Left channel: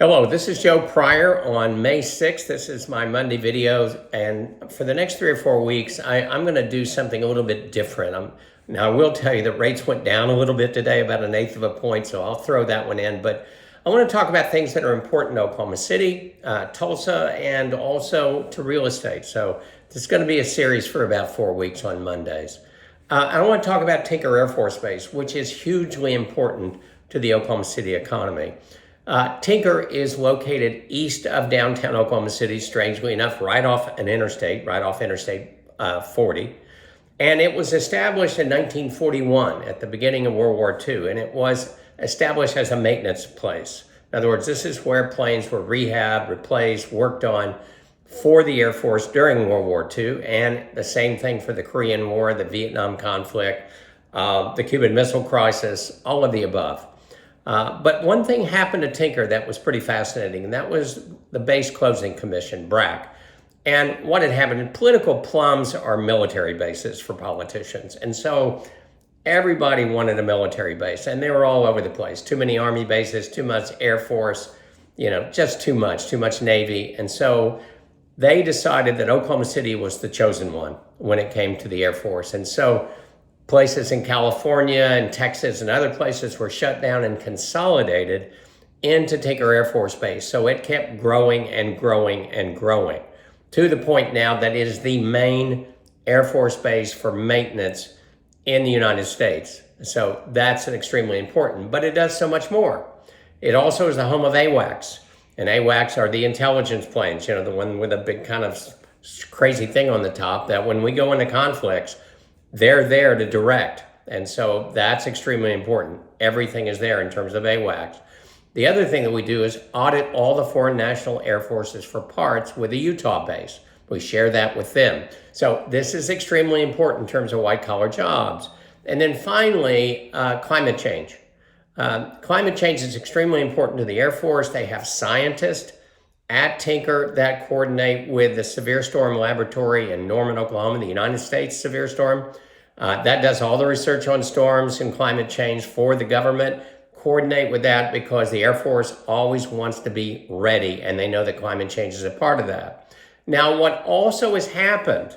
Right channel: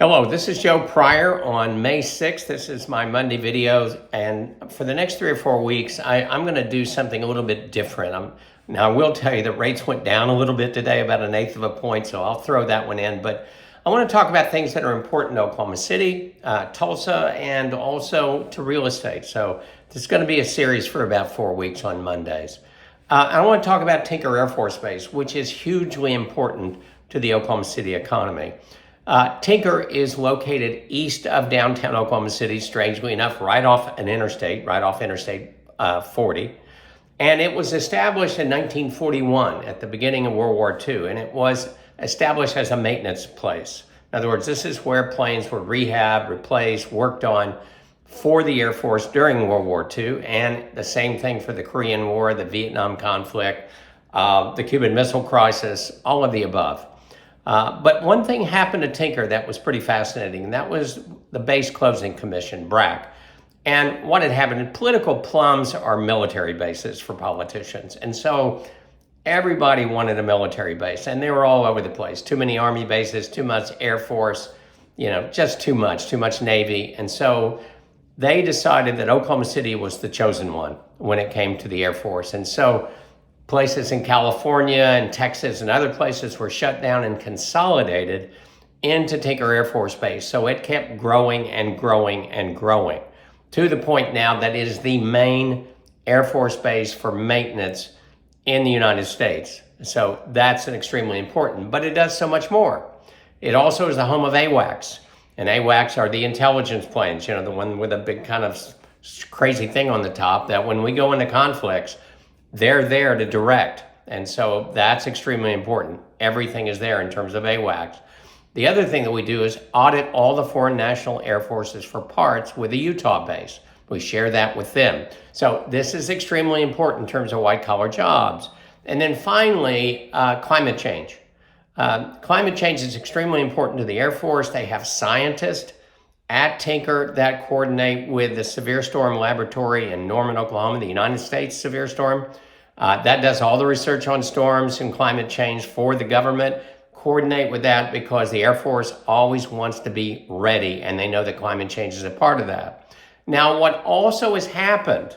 Hello, this is Joe Pryor on May 6th. This is my Monday video, and for the next 3 or 4 weeks, I'm going to do something a little bit different. Now, I will tell you that rates went down a little bit today, about 1/8 of a point, so I'll throw that one in. But I want to talk about things that are important to Oklahoma City, Tulsa, and also to real estate. So this is going to be a series for about 4 weeks on Mondays. I want to talk about Tinker Air Force Base, which is hugely important to the Oklahoma City economy. Tinker is located east of downtown Oklahoma City, strangely enough, right off Interstate 40. And it was established in 1941 at the beginning of World War II, and it was established as a maintenance place. In other words, this is where planes were rehabbed, replaced, worked on for the Air Force during World War II, and the same thing for the Korean War, the Vietnam conflict, the Cuban Missile Crisis, all of the above. But one thing happened to Tinker that was pretty fascinating, and that was the Base Closing Commission, BRAC. And what had happened, political plums are military bases for politicians. And so everybody wanted a military base, and they were all over the place. Too many Army bases, too much Air Force, just too much Navy. And so they decided that Oklahoma City was the chosen one when it came to the Air Force. And so places in California and Texas and other places were shut down and consolidated into Tinker Air Force Base. So it kept growing and growing and growing to the point now that it is the main Air Force base for maintenance in the United States. So that's extremely important, but it does so much more. It also is the home of AWACS, and AWACS are the intelligence planes, the one with a big kind of crazy thing on the top that when we go into conflicts, they're there to direct. And so that's extremely important. Everything is there in terms of AWACS. The other thing that we do is audit all the foreign national air forces for parts with the Utah base. We share that with them. So this is extremely important in terms of white collar jobs. And then finally, climate change. Climate change is extremely important to the Air Force. They have scientists at Tinker that coordinate with the Severe Storm Laboratory in Norman, Oklahoma, the United States Severe Storm. That does all the research on storms and climate change for the government. Coordinate with that because the Air Force always wants to be ready, and they know that climate change is a part of that. Now, what also has happened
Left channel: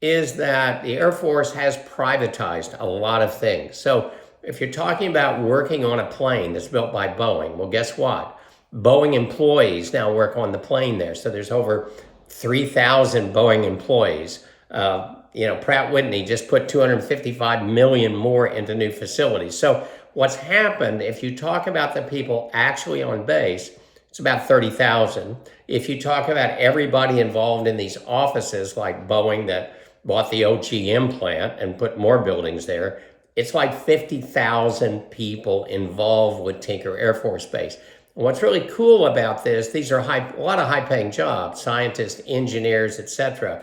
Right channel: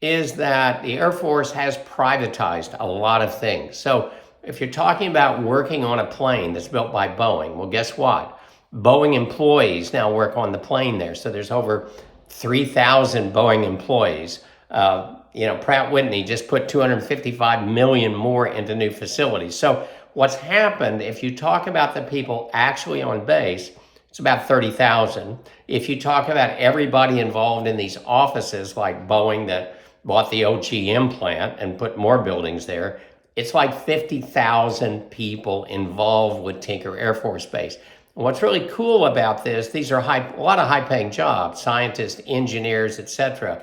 is that the Air Force has privatized a lot of things. So if you're talking about working on a plane that's built by Boeing, well, guess what? Boeing employees now work on the plane there. So there's over 3,000 Boeing employees. Pratt Whitney just put $255 million more into new facilities. So what's happened, if you talk about the people actually on base, it's about 30,000. If you talk about everybody involved in these offices, like Boeing that bought the OGM plant and put more buildings there, it's like 50,000 people involved with Tinker Air Force Base. What's really cool about this, these are a lot of high-paying jobs, scientists, engineers, etc.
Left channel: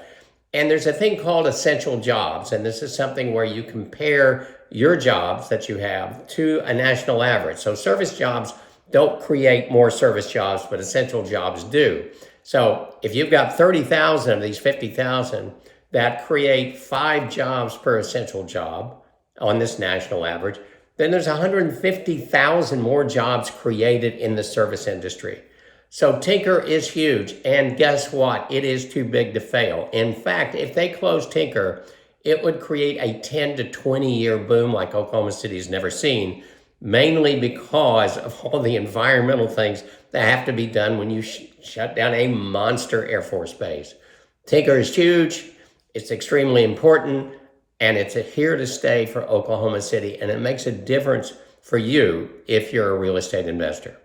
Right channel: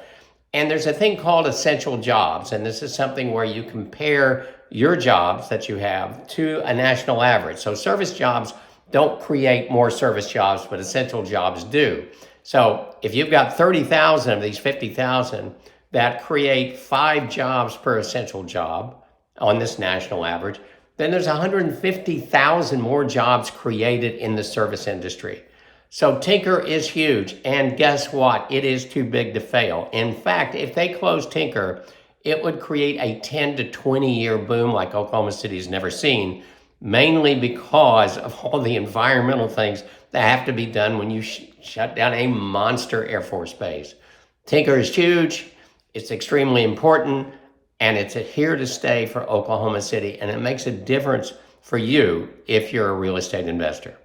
And there's a thing called essential jobs, and this is something where you compare your jobs that you have to a national average. So service jobs don't create more service jobs, but essential jobs do. So if you've got 30,000 of these 50,000 that create 5 jobs per essential job on this national average, then there's 150,000 more jobs created in the service industry. So Tinker is huge, and guess what? It is too big to fail. In fact, if they close Tinker, it would create a 10 to 20-year boom like Oklahoma City's never seen, mainly because of all the environmental things that have to be done when you shut down a monster Air Force base. Tinker is huge, it's extremely important, and it's here to stay for Oklahoma City, and it makes a difference for you if you're a real estate investor.